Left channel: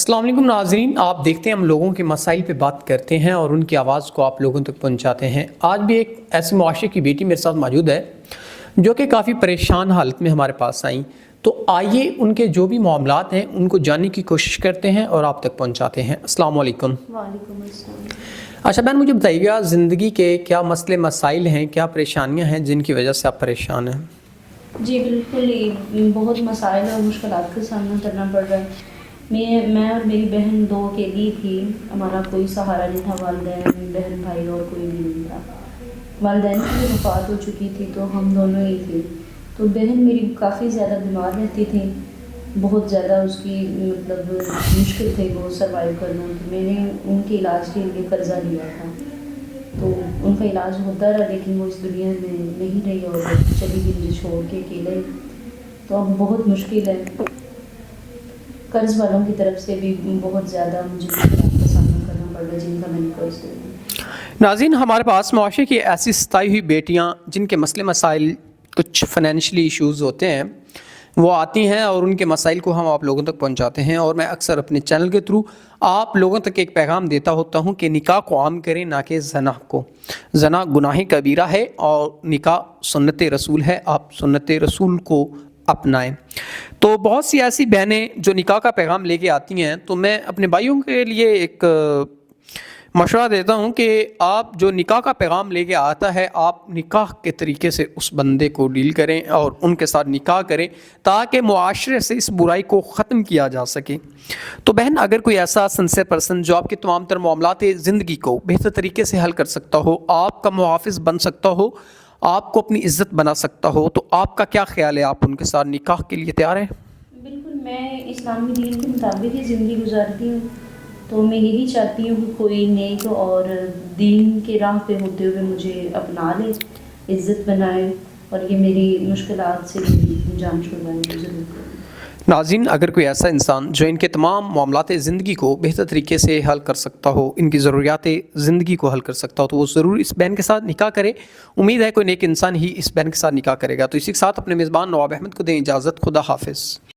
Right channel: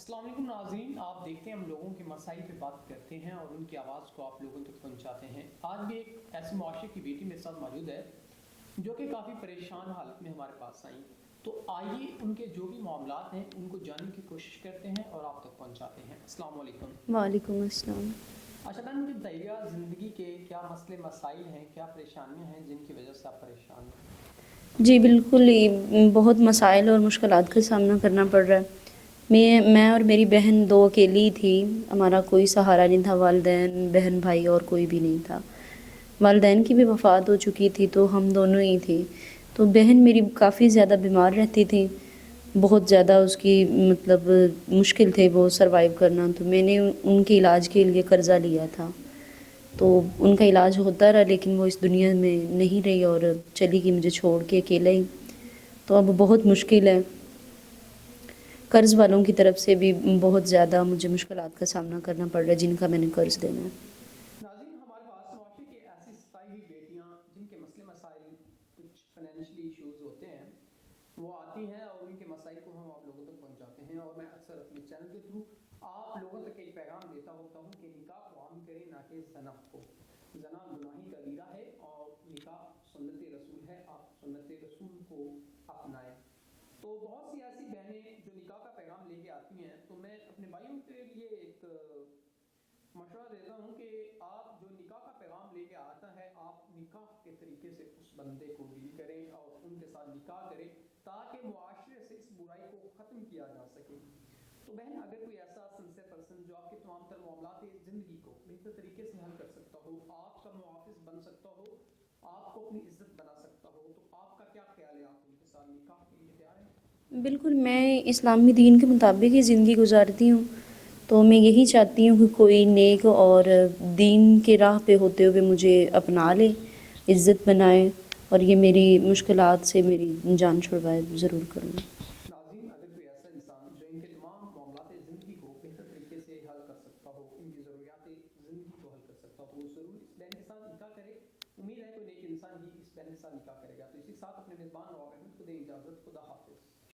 अस्सलाम वालेकुम नाज़रीन, आप देखते हैं हम लोगों के मसाइल पे बात करते हैं और उनकी आवाज़ को आप लोगों तक पहुंचाते हैं। आज भी एक ऐसे मुआशरे की बेटी मेरे साथ मौजूद है जो कि काफ़ी परेशान हालत में हमारे पास आई। तो आइए उनके जो भी मामलात हैं उनको जानने की कोशिश करते हैं और आप तक पहुंचाते हैं। अस्सलाम वालेकुम। वालेकुम अस्सलाम। अच्छा बहन, मुझे बताइएगा ज़िंदगी के क्या मसले मसाइल हैं, क्या परेशानियाँ हैं जिनकी वजह से आप परेशान हैं? जी बिल्कुल, ये बहुत मसाइल और मुश्किलात का सामना करना पड़ रहा है। मैं और मेरी बहन दो अकेली थी। हमारा कोई सहारा नहीं था, वालिदैन बहन भाई और कोई भी नहीं था। वालिदैन की भी वफ़ात हो चुकी थी तो हम दोनों ही थे। तो बहन मेरी काफ़ी ज़्यादा बीमार रहती थी, बहुत ज़्यादा उसकी मतलब मुश्किल थे वो सरवाइव करना। तो मैंने उनके इलाज के लिए कर्ज़ा लिया था, तो उनका इलाज होता रहा, लेकिन वो इस दुनिया में नहीं रही और चली गई मुझे छोड़ के अकेले ही। तो अब बहुत मुश्किल है, कर्ज़ वालों की तरफ से भी बहुत ज़्यादा मुझे मुश्किलात का सामना करना पड़ रहा है जिनका मैंने कर्ज़ लेना है। नाज़रीन, हमारे पास मुआशरे की ऐसी सताई हुई बेटियाँ जिनके मसले मसाइल कुछ फाइनेंशियली इश्यूज़ होते हैं, वो आती हैं और उनके मसाइल को हम आप लोगों तक पहुंचाते हैं। और मैं अक्सर अपने चैनल के थ्रू आप लोगों तक एक पैगाम देता होता हूं कि निकाह को आम करें, ना कि ज़ना को। ज़ना गुनाह कबीरा है और निकाह सुन्नत रसूल है, आप सुन्नत रसूल को अपनाएं। तो बहुत सी ऐसी बहनें जो निकाह का पैगाम लेके आती हैं, तो मैं अपने भाइयों के लिए एक मशवरा देता हूं कि आप जो निकाह का पैगाम लेके आता है, आप निकाह के तरीके से उस बंदे को डील करें और उनके साथ निकाह करें ताकि मुआशरे से इस बुराई को ख़त्म किया जा सके। तो बहन, अगर कोई ऐसा सिंसियर पर्सन जो आपके तमाम तर मामलात ज़िंदगी को बेहतर तरीके से हल कर सकता हो, आपका मुहाफ़िज़ बन सकता हो, आपको अपनी इज़्ज़त बना सकता हो, तो आपका क्या ख़्याल है, आप उनके साथ निकाह के लिए तैयार हैं? बिल्कुल, मैं इस्लामी दीन के मुताबिक ही ज़िंदगी गुजारती हूँ। तो मैं यही चाहती हूँ कि कोई नेक और दीन के राह पे होते हुए मुझे अपना ले, इज़्ज़त बनाए और ये मेरी मुश्किलात से मेरी जान छुड़वाए, तो ज़रूर करें। नाज़रीन, अगर कोई ऐसा इंसान जो इनके तमाम मामलात ज़िंदगी को बेहतर तरीके से हल कर सकता हो, इनकी ज़रूरियात ज़िंदगी को हल कर सकता हो, तो वो ज़रूर इस बहन के साथ निकाह करे। उम्मीद है कोई नेक इंसान ही इस बहन के साथ निकाह करेगा। तो इसी के साथ अपने मेज़बान नवाब अहमद को दें इजाज़त। खुदा हाफिज़।